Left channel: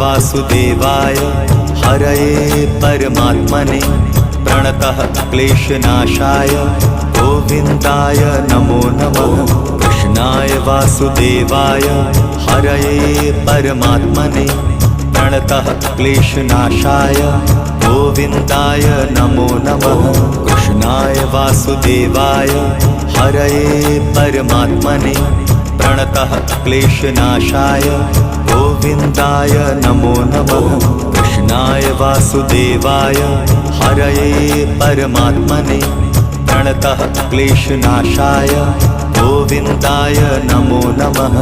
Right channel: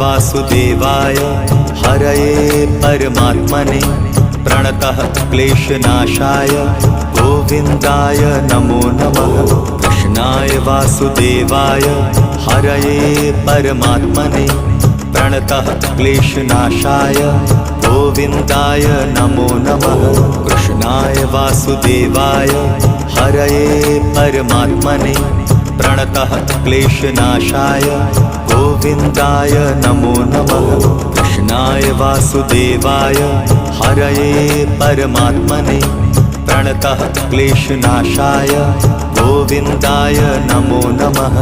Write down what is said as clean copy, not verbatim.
वासुदेवाय हरये परमात्मने प्रणतः क्लेशनाशाय गोविन्दाय नमो नमः। कृष्णाय वासुदेवाय हरये परमात्मने प्रणतः क्लेशनाशाय गोविन्दाय नमो नमः। कृष्णाय वासुदेवाय हरये परमात्मने प्रणतः क्लेशनाशाय गोविन्दाय नमो नमः। कृष्णाय वासुदेवाय हरये परमात्मने प्रणतः क्लेशनाशाय गोविन्दाय नमो नमः।